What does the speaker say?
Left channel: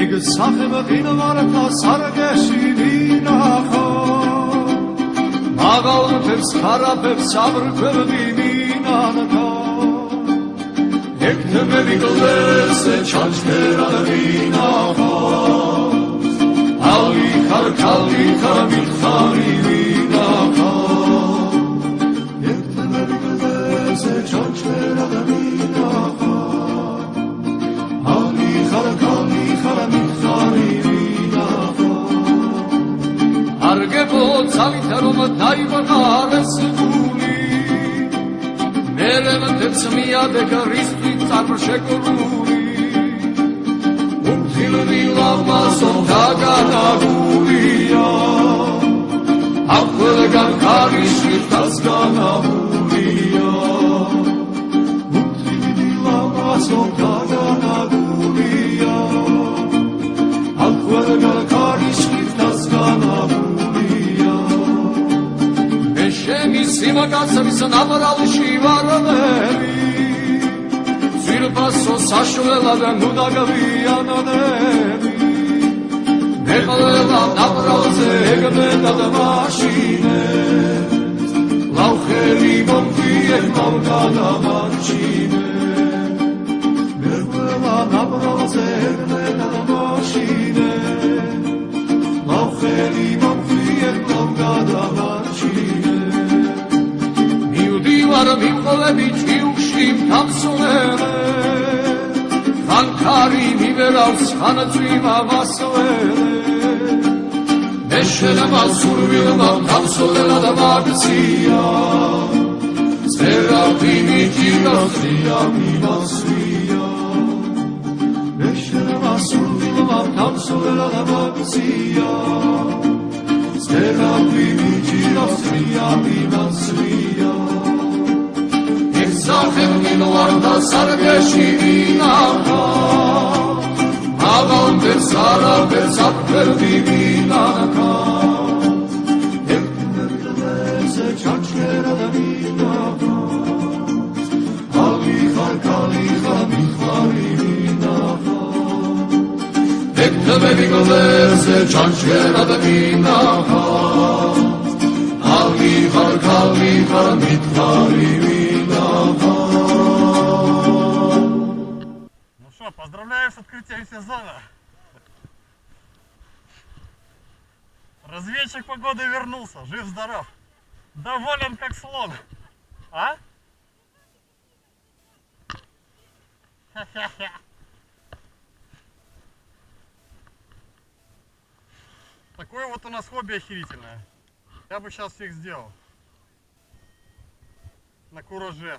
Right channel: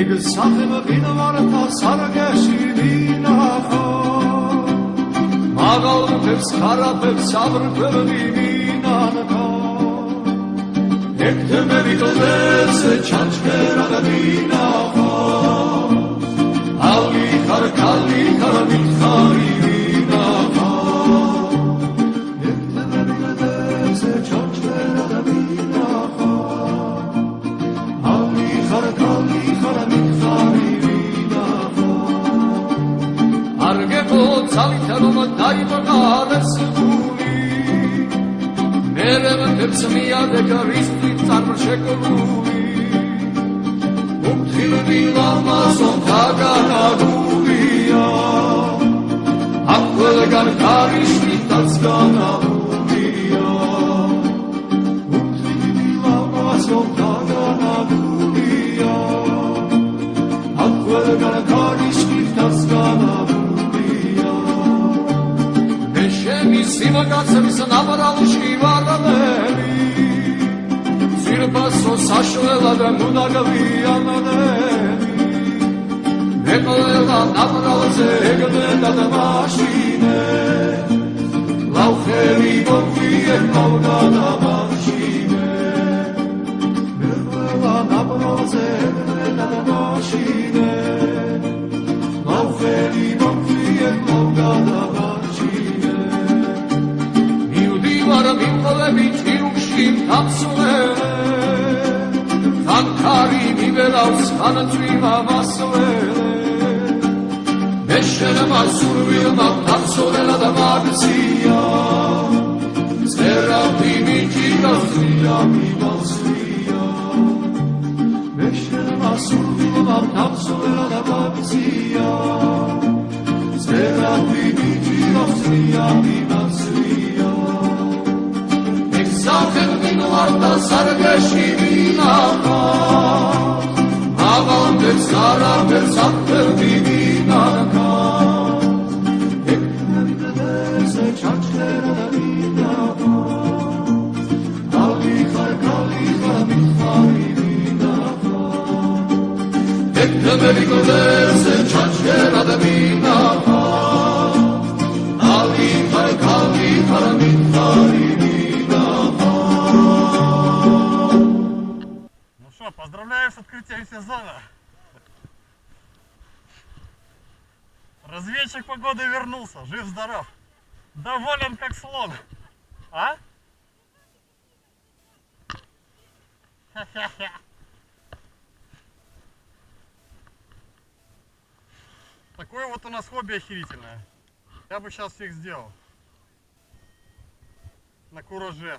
ეგ სახება ყინვართა სარგეში ვინახო მაგალფებს ხარაფებს აბრკვევდი ვინახო ეგ თემები გლეზე ჩაჩერა და ვინახო ალი ხარ ქალი ხარ ვიხარი ვინახო ეგ თემები გლეზე ჩაჩერა და ვინახო ალი ხარ ქალი ხარ ვიხარი ვინახო არ გებოცავით რომ დაიბანარეს გული მერენებს მიადეგა რისთვის წარშეკრული Lamazon Taganagulia Aquelgan Karishvitas Ganagulia Lamazon Taganagulia Aquelgan Karishvitas GanaguliaEshemi Sivagatsams Navarali Shivanameri Silpaso Sashvela Nunagavia Naderi Egoela naproze egmena da mașine Lauheri bonfie mauda da mașine Egoela naproze egmena da mașine Lauheri bonfie mauda da mașine Miudivar Mikolevich iushim tamsuvere Ankari miberals anatviva vasovere Eşelema survilma tapsolera da marsia Serapimi tirasria mimasria Eşelema survilma tapsolera da marsia Serapimi tirasria mimasria Efsahem miloarda sargeshi vinaka Avante sara versakter divinaka Merigoderse çançera da vinaha Aliha kaliha mitfari vinaha Ну что, поздравляю с открытием сезона. Разведчик погоды вернулся, жив-здоров. Доволен как слон. А? Ха-ха-ха. Такое вот у нас хобби охерительное. Я бы сейчас всех сделал. На кураже.